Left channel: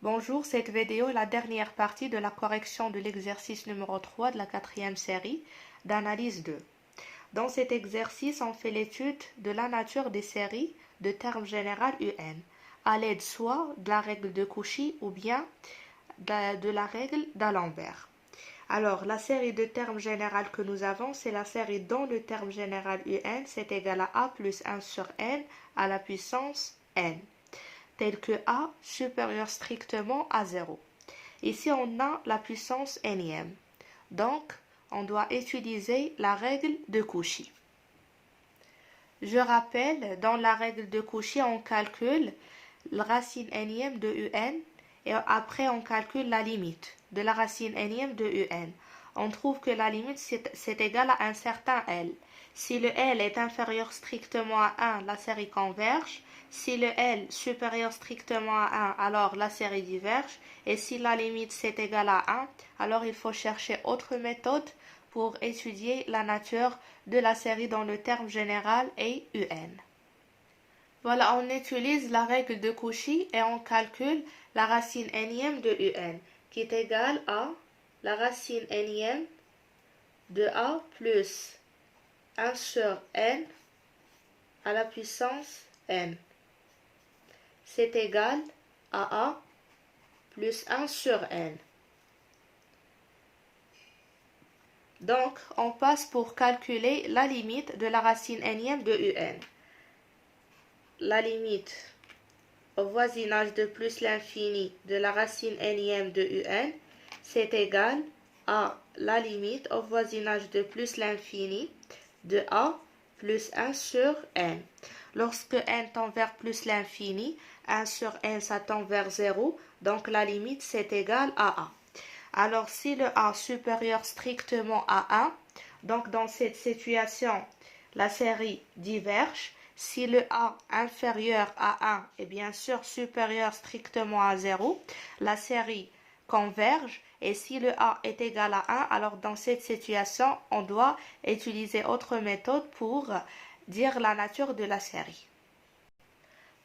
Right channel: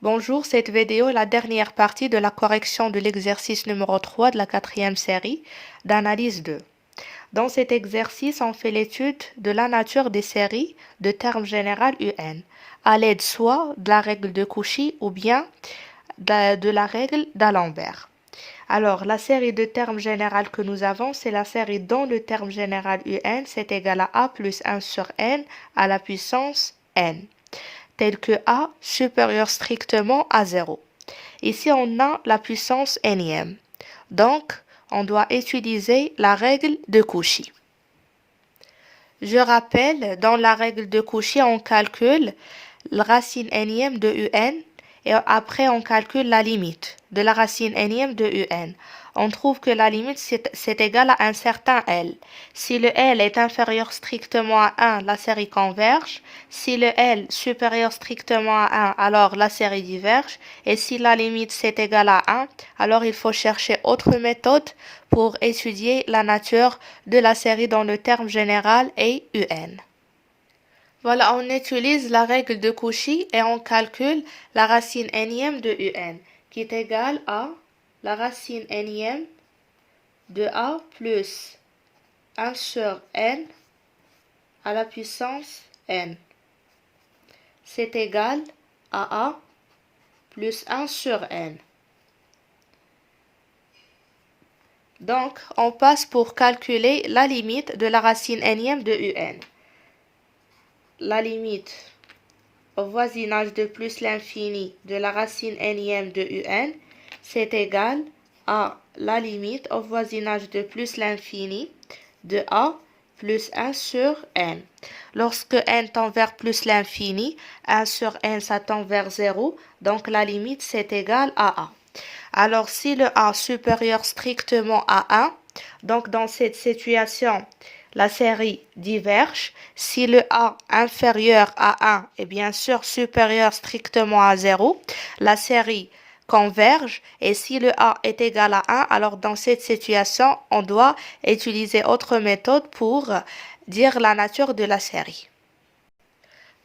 Bonjour, cette vidéo est la dernière partie de la correction de l'exercice numéro 3 de la quatrième série d'analyse 2. Dans cet exercice, on fait l'étude de la nature des séries de termes général UN, à l'aide soit de la règle de Cauchy ou bien de la règle d'Alembert. Alors, la série de termes général que nous avons, c'est la série dont le terme général UN, c'est égal à A plus 1 sur N à la puissance N, tel que A supérieur strictement à 0. Ici, on a la puissance nème. Donc, on doit utiliser la règle de Cauchy. Je rappelle, dans la règle de Cauchy, on calcule la racine nème de un et après on calcule la limite de la racine nème de un. On trouve que la limite c'est égal à un certain L. Si le L est inférieur strictement à 1, la série converge. Si le L supérieur strictement à 1, alors la série diverge. Et si la limite c'est égal à 1, alors il faut chercher autre méthode pour étudier la nature de la série dont le terme général est un. Voilà, on utilise la règle de Cauchy et on calcule la racine nème de un, qui est égale à la racine nème de a plus 1 sur n à la puissance n. C'est égal à a plus 1 sur n. Donc, on passe pour calculer la limite de la racine nème de un. La limite au voisinage de plus l'infini de la racine nème de un, c'est égal à la limite au voisinage de plus l'infini de a plus 1 sur n. Lorsque n tend vers plus l'infini, 1 sur n ça tend vers 0, donc la limite c'est égal à a. Alors si le a supérieur strictement à 1, donc dans cette situation, la série diverge. Si le a inférieur à 1 est bien sûr supérieur strictement à 0, la série converge. Et si le a est égal à 1, alors dans cette situation, on doit utiliser autre méthode pour dire la nature de la série.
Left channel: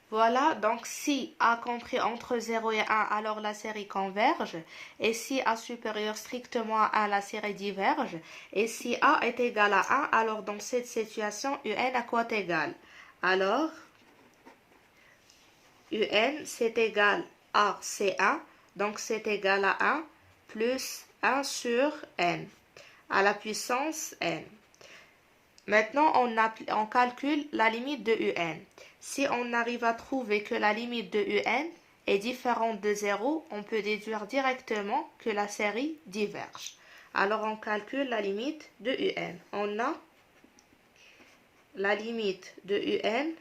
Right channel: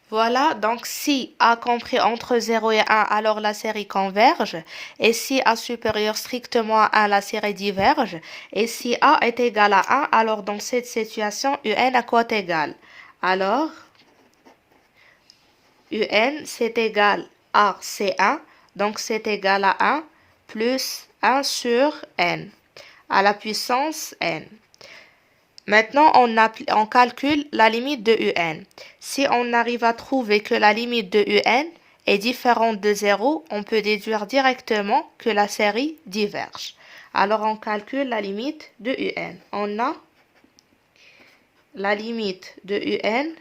Voilà, donc si A compris entre 0 et 1, alors la série converge. Et si A supérieur strictement à 1, la série diverge. Et si A est égal à 1, alors dans cette situation, UN à quoi est égal? Alors, UN c'est égal à C1, donc c'est égal à 1 plus 1 sur N, à la puissance N. Maintenant, on calcule la limite de un. Si on arrive à trouver que la limite de un est différente de 0, on peut déduire directement que la série diverge. Alors, on calcule la limite de un. On a la limite de un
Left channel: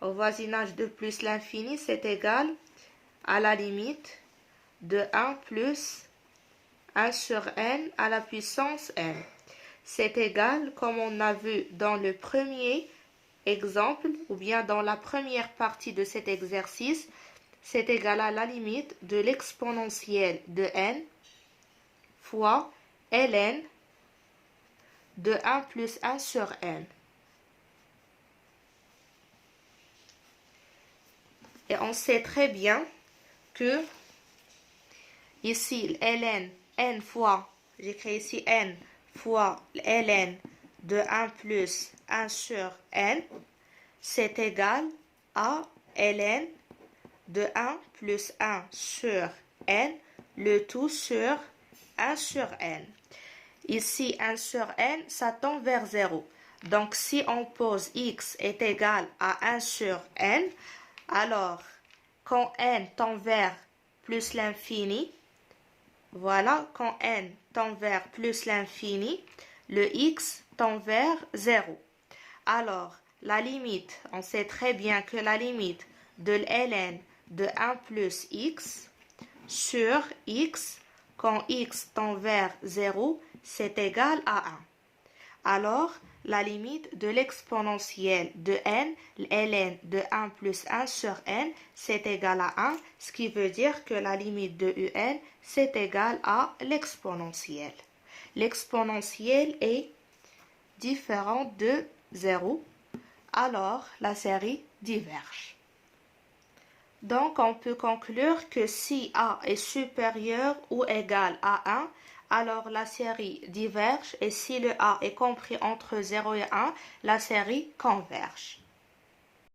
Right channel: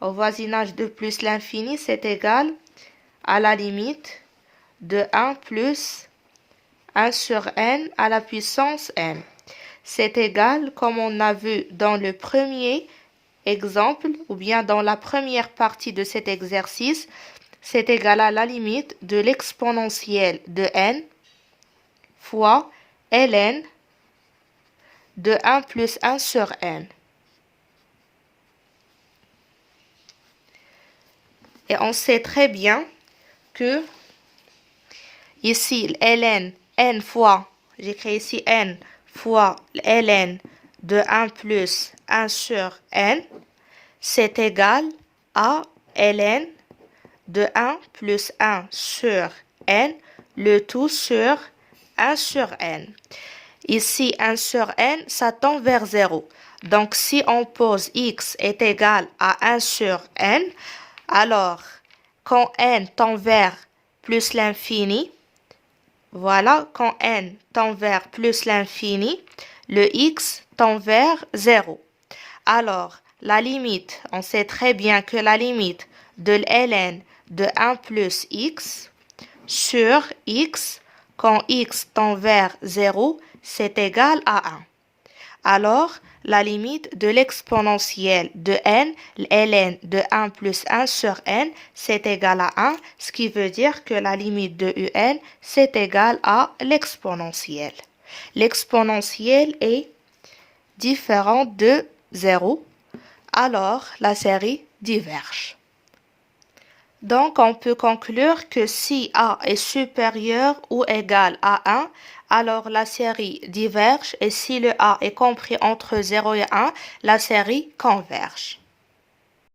au voisinage de plus l'infini, c'est égal à la limite de 1 plus 1 sur n à la puissance n. C'est égal, comme on a vu dans le premier exemple, ou bien dans la première partie de cet exercice, c'est égal à la limite de l'exponentielle de n fois ln de 1 plus 1 sur n. Et on sait très bien que ici, ln, n fois, j'écris ici n fois ln de 1 plus 1 sur n, c'est égal à ln de 1 plus 1 sur n, le tout sur 1 sur n. Ici, 1 sur n, ça tend vers 0. Donc, si on pose x est égal à 1 sur n, alors, quand n tend vers plus l'infini, voilà, quand n tend vers plus l'infini, le x tend vers 0. Alors, la limite, on sait très bien que la limite de ln de 1 plus x sur x, quand x tend vers 0, c'est égal à 1. Alors, la limite de l'exponentielle de n, ln de 1 plus 1 sur n, c'est égal à 1, ce qui veut dire que la limite de un, c'est égal à l'exponentielle. L'exponentielle est différente de 0, alors la série diverge. Donc, on peut conclure que si A est supérieur ou égal à 1, alors la série diverge et si le A est compris entre 0 et 1, la série converge.